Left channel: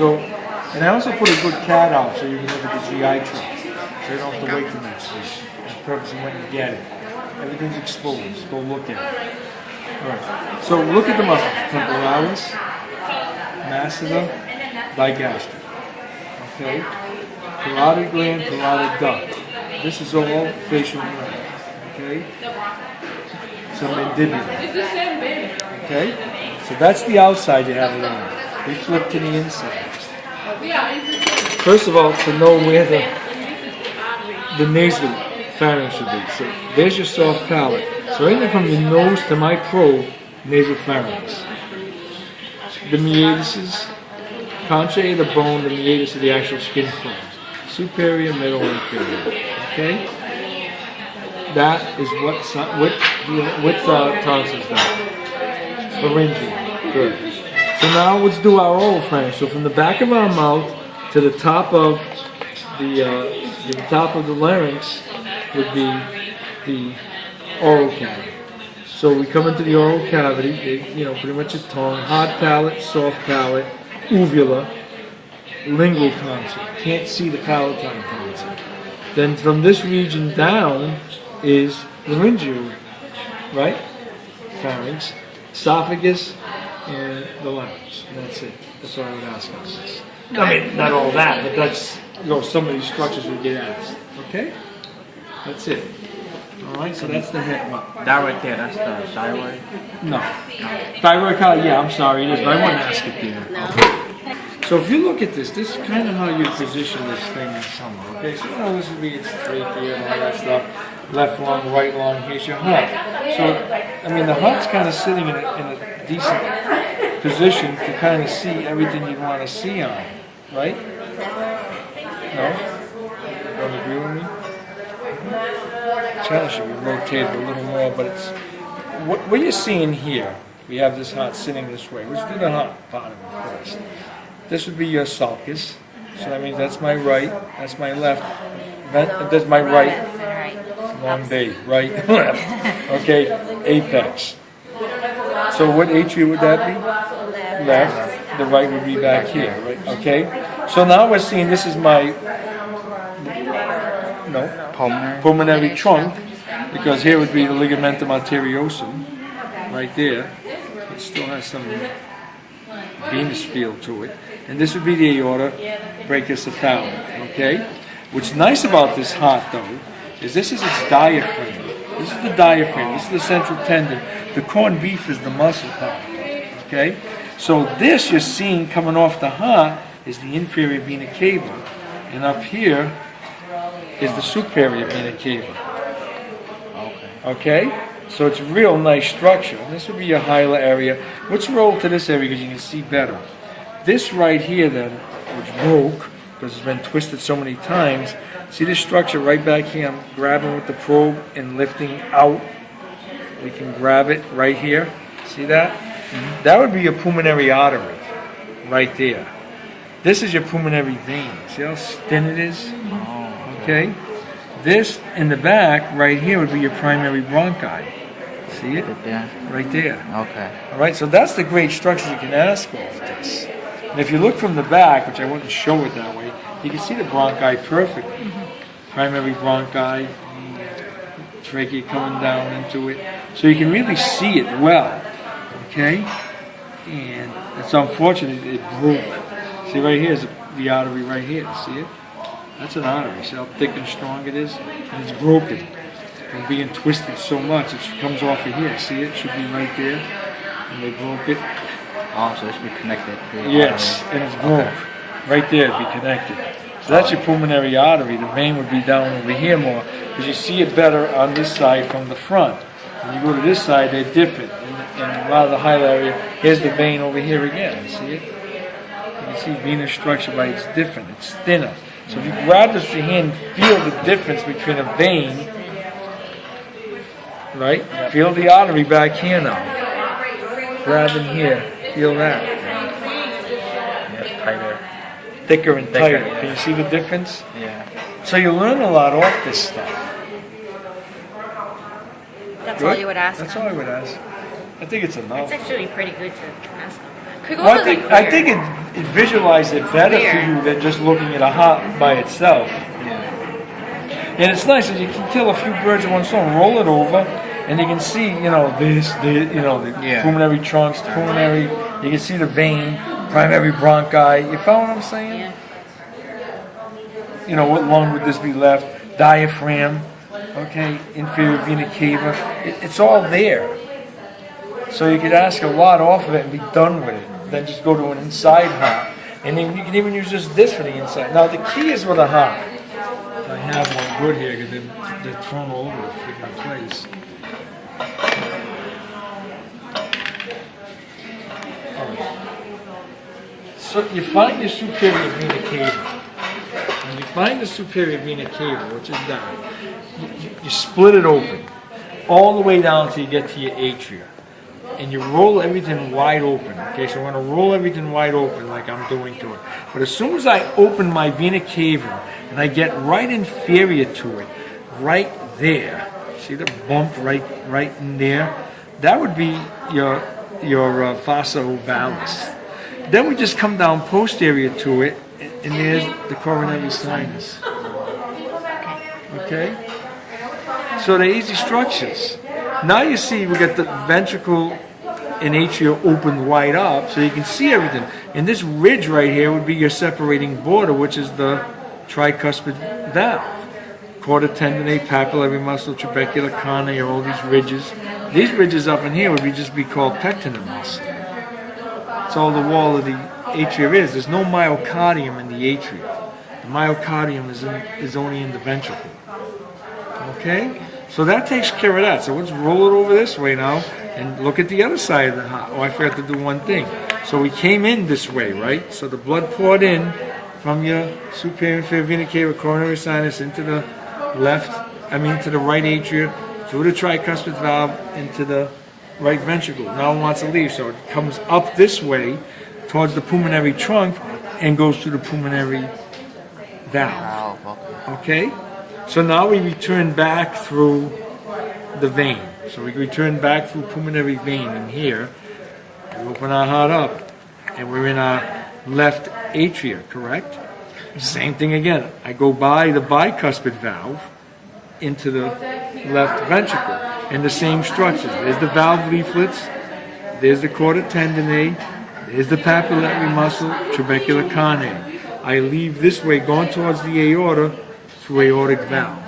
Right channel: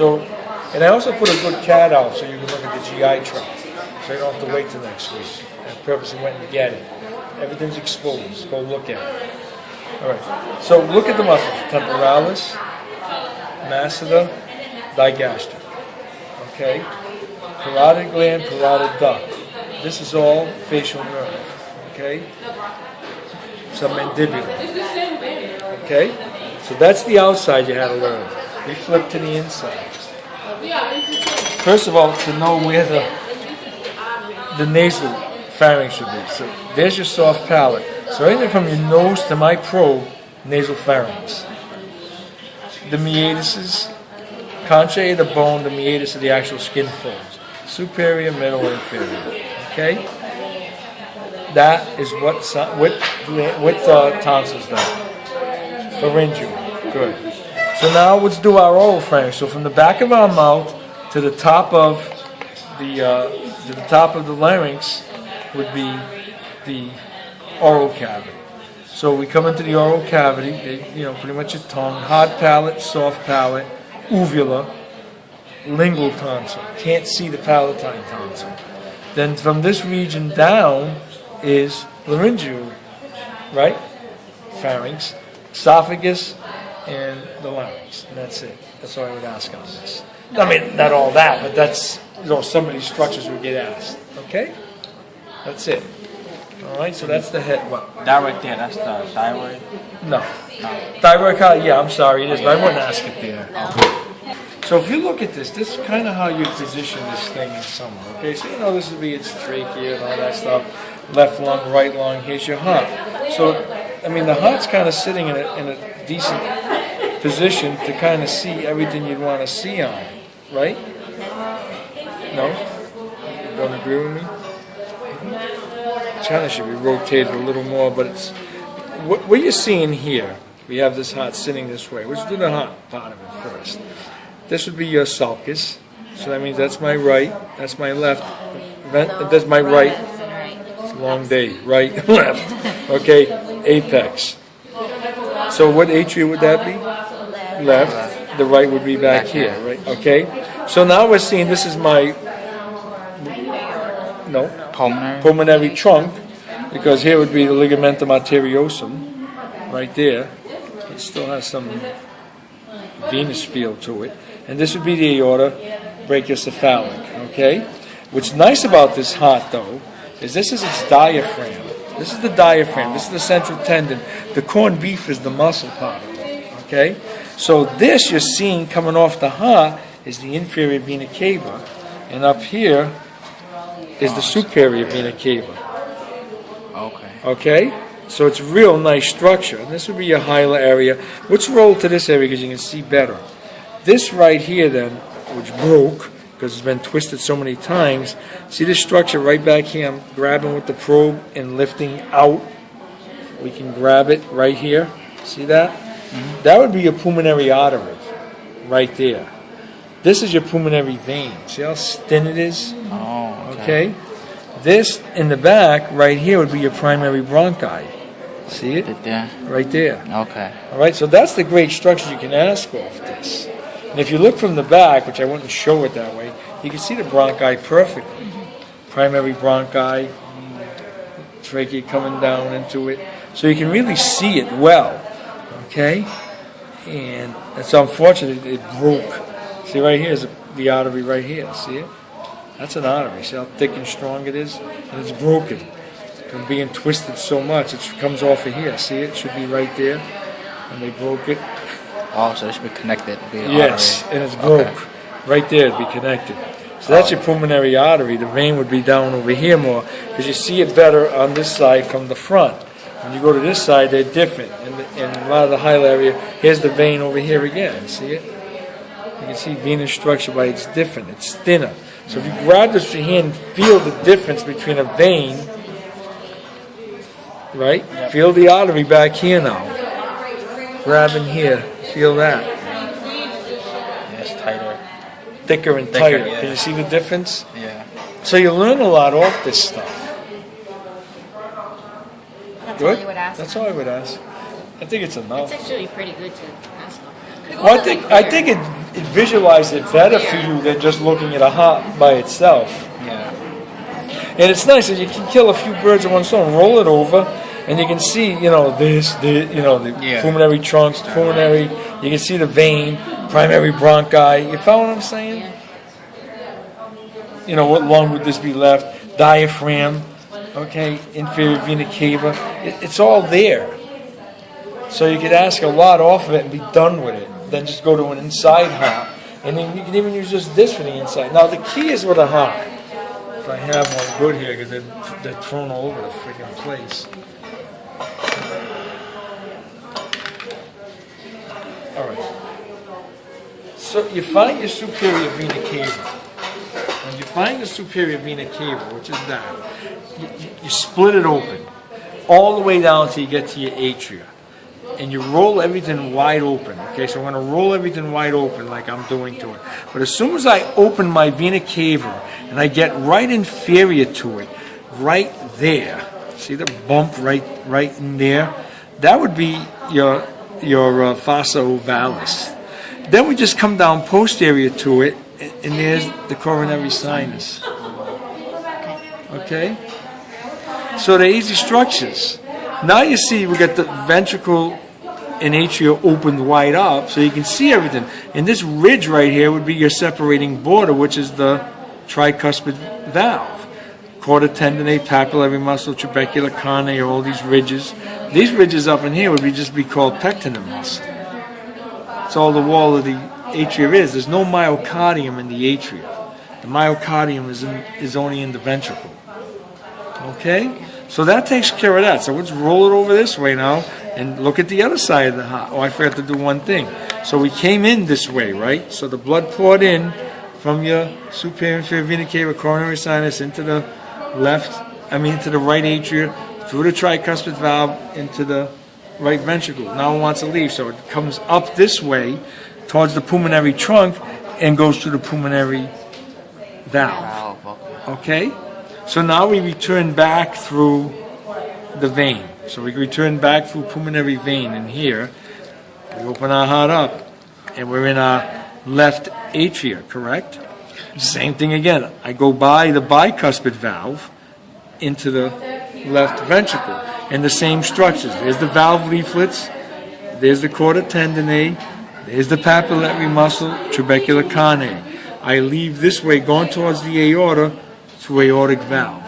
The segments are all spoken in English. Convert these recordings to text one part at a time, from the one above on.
So, and I also put a good cat out so you can look at the GI tract. So you don't have to wait till next week. I purposely went and get it. Everything's exposed. Go look at it. All right. So look at the muscles: temporalis, masseter, digastric. Okay. Parotid gland, parotid duct. This is all facial nerve. Okay. Some mandibular. Okay. So that's the outside. You have it on. We flip to the inside. First of all, to know where the nasal pharynx should be. So there's your soft palate. So anything from your nose to my probe, nasal pharynx. The meatuses, concha of the bone, the meatus of the actual skin folds. Superior, middle, and inferior. Okay? That is what tonsils do. Pharyngeal. Good. So now let's do our oral pharynx. So from the back of our mouth to the top of the larynx would be the oral cavity. So we come into the oral cavity, pretty much a tongue, hard palate, soft palate, uvula, lingual tonsil. Can't see the palatine tonsil. Then from this region down is laryngeal, right? Pharynx, esophagus, and the larynx. And that's it. That's all I would ask on this. I mean, not all that, but that's, some of these structures would get asked. Okay? That's it. All right, so that's the head. Well, that right there, that's the thyroid? No. Thyroid, yeah, I'm sorry, it is, but I wouldn't ask it there. No. So if you look at this is kind of how you position this thing in summer. Okay, so this would be its trachea and all that stuff. Left lung, right lung, here's your heart. So, I mean, the heart's kind of sitting in a decent position to kind of see everything you'd want to see on it, right? No? Don't agree with me? China should be rotated a little more, but it's what you're seeing here. We have this heart sitting this way. Let's do the heart part of it first. This would be your sulcus. So that means that's my right, that's my left, that's my right. It's a long day, right, left. Okay, apex. So what atria would that be? Left. The right would be back here, right? Okay. So now we're seeing this is my pulmonary trunk, because here would be the ligamentum arteriosum, right there. It still has some venous feel to it. And this would be the aorta brachiocephalic, okay? What's nice about this heart, though, is this is its diaphragm. This is the diaphragm. This is the central tendon. The corned beef is the muscle part, okay? So this you're seeing coming off the heart is the inferior vena cava. And up here is the superior vena cava. Okay? So it's real nice structure. And this would be your hilar area. Let's roll to this area because you can see better. This right here then, which broke because it's been twisted so many times, see this structure right back here? I'm grabbing with the probe and lifting out. We can grab it right here. See that? Mm-hmm. That would be your pulmonary artery right there. This is your pulmonary vein. See how thin it is? Oh, okay. This in the back right here would be your primary bronchi. See it? Right there? Right there. Okay. All right, so that's the great structure you can ask off this. And if you look from the back, which I wouldn't show it that way, you can see the bronchi perfectly. Mm-hmm. Primary bronchi, trachea coming down into it. So you can really see it well. Okay? And it's unfortunate it broke. See right here is the artery right here. See it? That's an artery. See how thick and strong it is? And it's broken. And being twisted so much, it comes off of here. See it? Should be right there. And they broke it. Oh, so it should be connected. Yes, and it's broke. Okay. Right there, it'd be connected. So that's your pulmonary artery. The vein would be down over here more, because you see it better on this side from the front. When you go to this side, they're different. And a lot of the hilar area, here's the vein over here again. See it? You can see venous structure, but it's different. It's thinner. So if you grab this to hand, feel the difference between a vein, right? Yep. Feel the artery back here now. Grab in here. Feel that. Yes, tighter. Thicker and tighter. Yeah. Can you see the difference? Yeah. So you learn a lot off this stuff. That's Good? all you would ask. That's all I would ask. I think it's enough. It's actually pretty good to ask on that. Well, I think it visualize it better for you than just looking at a heart by itself. Yeah. And it's nice that you can kill a few birds with one stone. Roll it over, and you can see, the Yeah. pulmonary trunks, pulmonary. You can see the vein, primary bronchi. You follow what I'm saying? Yeah. What lung would this be left? Diaphragm, okay, inferior vena cava. It's all there. So you could ask a lot off of it and be done with it. Then just go to an inside heart. And then you can even use this for the inside. Now the key is with a heart. If I have one good here, because they're thrown all over the freaking place. All right. So you find your superior vena cava. When you find the superior vena cava, which is down, you split it open all the way down till you get to your atria. And you roll everything wide open. Okay, so I'm going to roll everything wide open like I'm doing to it. But as soon as I open my vena cava and I get right inferior to it, right there, see the bump right in there? That would be your fossa ovalis. Then we just come down posterior to it, and there's the coronary sinus. Okay? So they're easy structures. Now you see we got the ventricle and atria opened wide up, so you can see everything. And this ridge right here would be your separating border, which is the tricuspid valve. Quarter tendinate, papillary muscle, trabecular carne, all these ridges. These ridges up in here would just be called pectinum muscle. That's all the wall of the atria is. There's no myocardium in the atria. The myocardium is only in the ventricle. Okay? So that takes care of that. So let's roll it over this way now and look at the other side of the heart. Oh, I forgot to do one thing. So we came in this way, right? So the blood poured in from your superior inferior vena cava coronary sinus into the into the right atria, through the tricuspid valve into the right ventricle. Now it wants to leave, so it comes up this way towards the pulmonary trunk and goes to the pulmonary valve. Okay? So now we return back through the vein. So we return back through pulmonary vein in here. We open our heart up, and we're in our left atria, correct? Same thing again. I go by the bicuspid valve into the left ventricle, and the same structures. There's the valve leaflets, there's the quarter tendinae, there's the papillary muscle, trabecular carne. I leave this way, going towards the aorta, through aortic valve.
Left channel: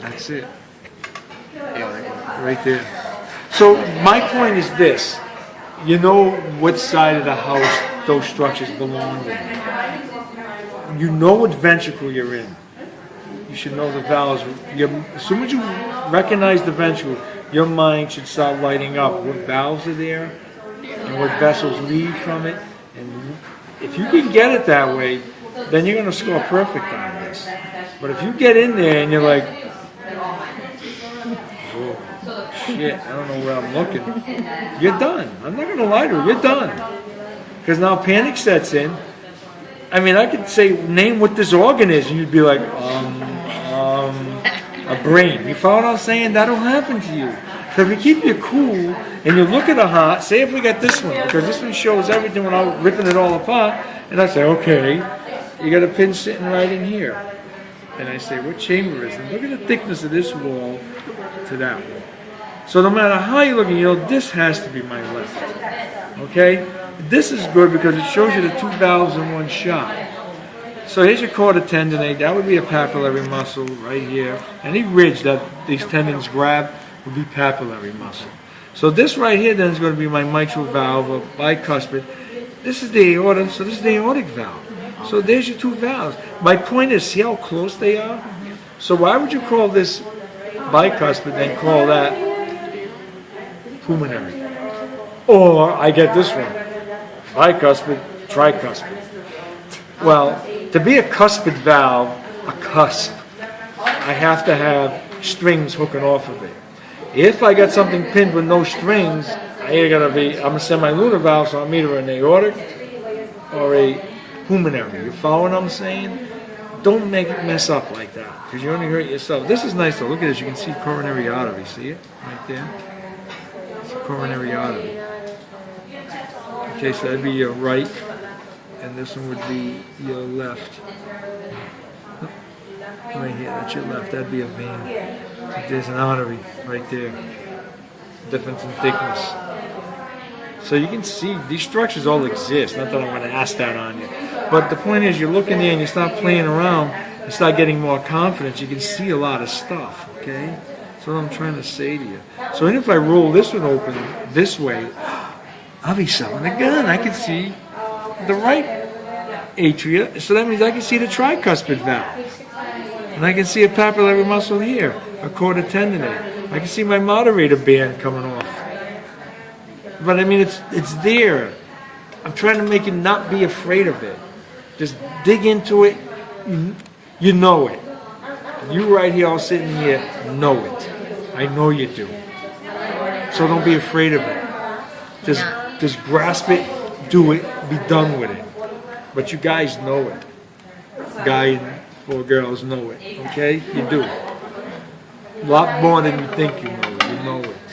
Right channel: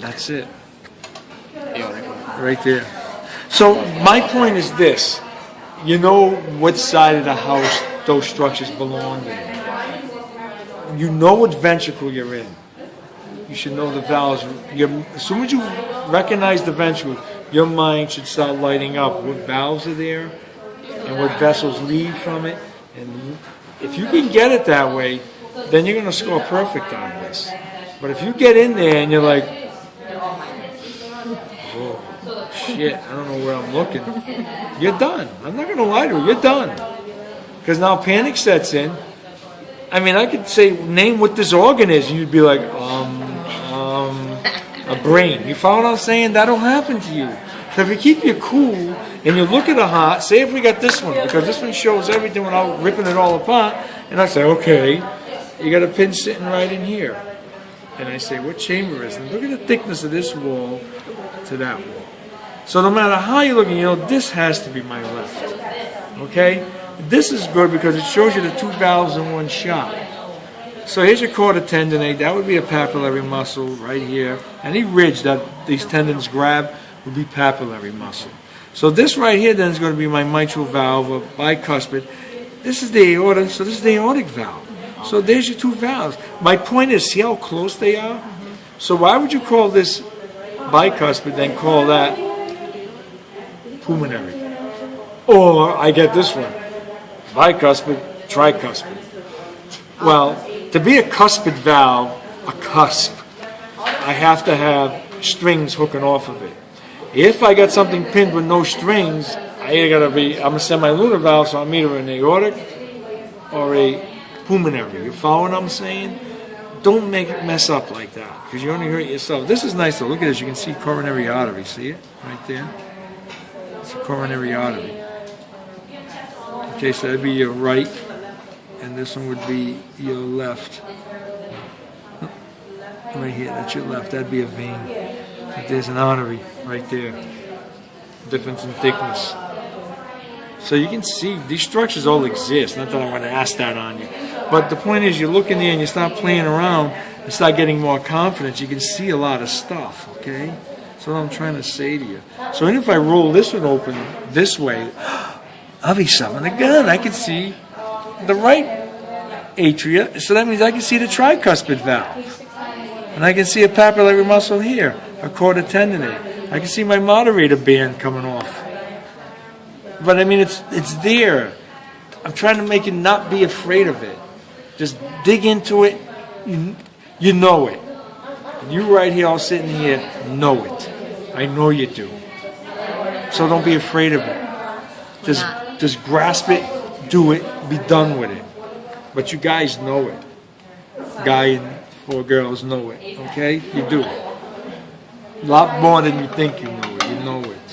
That's it. Right there. So my point is this. You know what side of the house those structures belong in. You know what ventricle you're in. You should know the valves. As soon as you recognize the ventricle, your mind should start lighting up what valves are there and what vessels lead from it. And if you can get it that way, then you're going to score perfect on this. But if you get in there and you're like, oh, shit, I don't know where I'm looking, you're done. I'm not going to lie to you, you're done. Because now panic sets in. I mean, I could say, name what this organ is, and you'd be like, a brain. You follow what I'm saying? That'll happen to you. So if you keep your cool and you look at a heart, say if we got this one, because this one shows everything without ripping it all apart, and I say, okay, you got a pin sitting right in here. And I say, what chamber is it? Look at the thickness of this wall to that wall. So no matter how you're looking, this has to be my left. Okay? This is good because it shows you the two valves in one shot. So here's your quarter tendinate. That would be a papillary muscle right here. Any ridge that these tendons grab would be papillary muscle. So this right here then is going to be my mitral valve or bicuspid. This is the aorta, so this is the aortic valve. So there's your two valves. My point is, see how close they are? So why would you call this bicuspid, then call that pulmonary? Or I get this one, bicuspid, tricuspid. Well, to be a cuspid valve, a cusp, I have to have strings hooking off of it. If I got something pinned with no strings, I'm a semilunar valve, so I'm either an aortic or a pulmonary. You follow what I'm saying? Don't make it mess up like that, because you only hurt yourself. This is nice though. Look at this. You can see coronary artery. See it? Right there. It's a coronary artery. Okay, so that'd be your right and this one would be your left. Right here, that's your left. That'd be a vein. There's an artery right there. Difference in thickness. So you can see these structures all exist. Not that I'm going to ask that on you. But the point is, you look in there and you start playing around, you start getting more confidence. You can see a lot of stuff, okay? That's what I'm trying to say to you. So even if I roll this one open this way, I'll be selling a gun. I can see the right atria. So that means I can see the tricuspid valve. And I can see a papillary muscle here, a chorda tendinate. I can see my moderator band coming off. But I mean, it's there. I'm trying to make you not be afraid of it. Just dig into it. You know it. You right here, all sitting here, know it. I know you do. So don't be afraid of it. Just grasp it, do it, be done with it. But you guys know it. Guy and 4 girls know it. Okay? You do it. A lot more than you think you know it. You know it.